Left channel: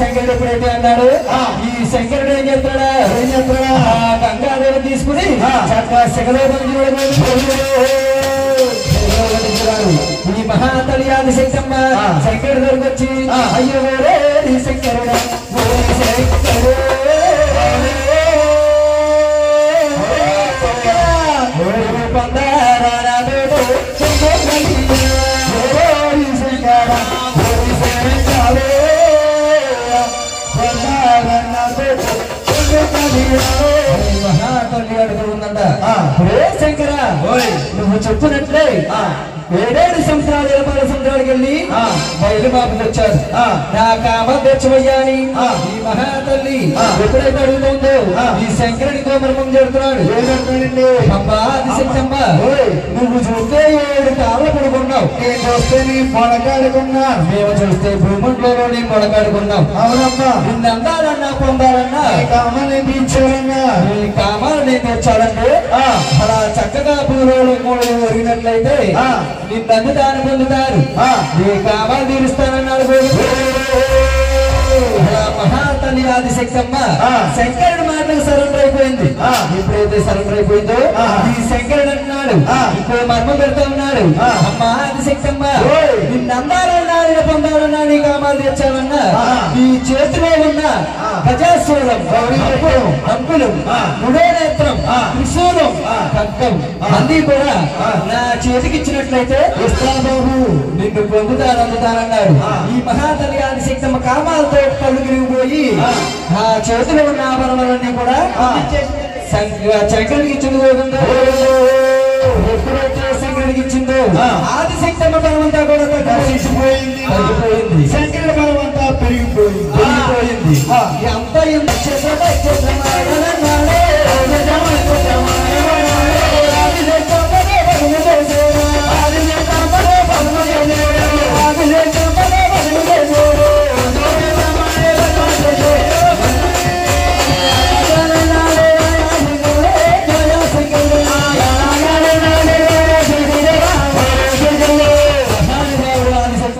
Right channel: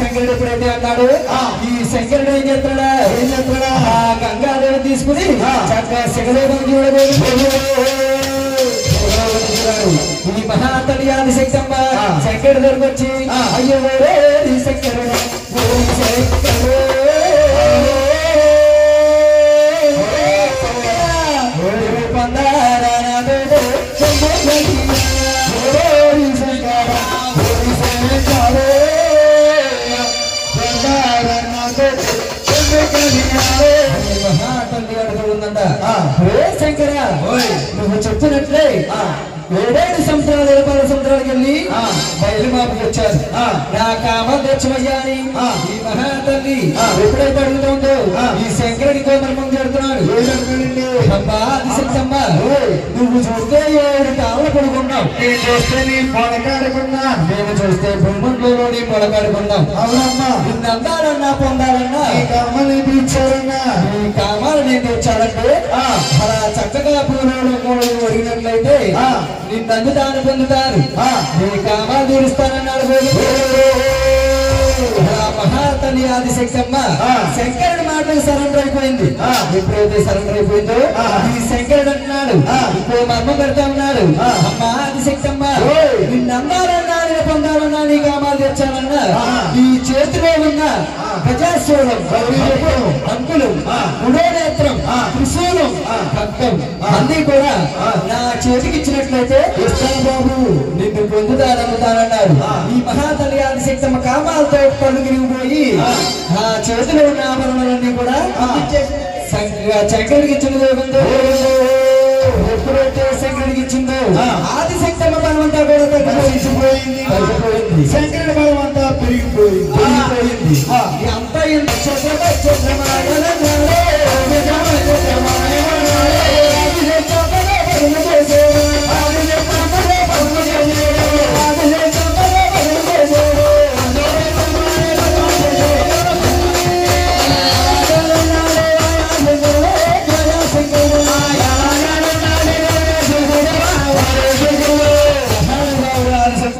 శంకరుడు అన్నాడు. ఈ శంకరుడు ఏం చెప్తాడా గంగాదేవి తీసుకుని ఈ మహాతలియాది శక్తమ్మ శంకరుడు దగ్గరికి వచ్చి అయ్యో శంకరుడు శంకర నువ్వు చెప్తున్నట్లే 7 సంవత్సరాలు 7 సంవత్సరాలకు వెళ్ళి బయలుబాబుకి వచ్చారు. నా కామ తెచ్చమయ్యాని ఈ మహాతల్లి ఎప్పుడైతే అడుగుతుందో ఈ శంకరుడి కోమరం చెడుతున్నాడు. అమ్మా అది శంకమ్మ నువ్వు చూస్తే 7 కాళ్ళు పడుకున్నావు, నేను చూస్తే నీ మొలకాడుకున్నా, మేము చూస్తే భూముల్లో నీ మొలకాడుకున్నాం. అవునమ్మా నిన్ను అందాలన్నా పొందాలన్నా ఈ కామాన్ని తీర్చాలన్నా ఈ కామాలు నేను తెచ్చాలంటే అలా చక్కగా పూర్వలు 3 ఒరిగినట్లయితే నిన్ను అందుతాను పొందుతారు, నీ కామాలు తీరుస్తానన్నాడు. మహాతల్లి ఆది శక్తమ్మ శంకరుడి మాటలకు సరెండర్ అయిపోయింది. ఎప్పుడైతే సరెండర్ అయిపోయిందో ఈ శంకరుడు అన్నాడు, ఇంకో మర్మం పెడతా ఉన్నాడు. అమ్మా ఆది శక్తమ్మ నిన్ను అందాలన్నా పొందాలన్నా నీ కామాలు తెచ్చానన్నా ఈ చేతిలో ఉన్న గజాసూరం అంకులు ఉదయనేత్రం త్రిశూలం ఖడ్గం అన్ని కూడా నా చేతికి ఇచ్చినట్లయితే ఇస్తాను బాబు, నిన్ను పొందుతాను అందుతానన్నాడు. ఈ మహాతల్లి ఆది శక్తమ్మ కామాలతో పళ్ళు గిరిగిపోయి ఆ చేతిలో ఉన్న ఆభరణాలన్నీ కూడా శంకరుడికి ఇచ్చిన జరుగుతుందో. ఎప్పుడైతే శంకరుడికి ఇచ్చిందో ఆది శక్తమ్మ బలమంతా కూడా తగ్గిపోయింది, శంకరుడి బలమంతా పెరిగిపోయింది. అంతా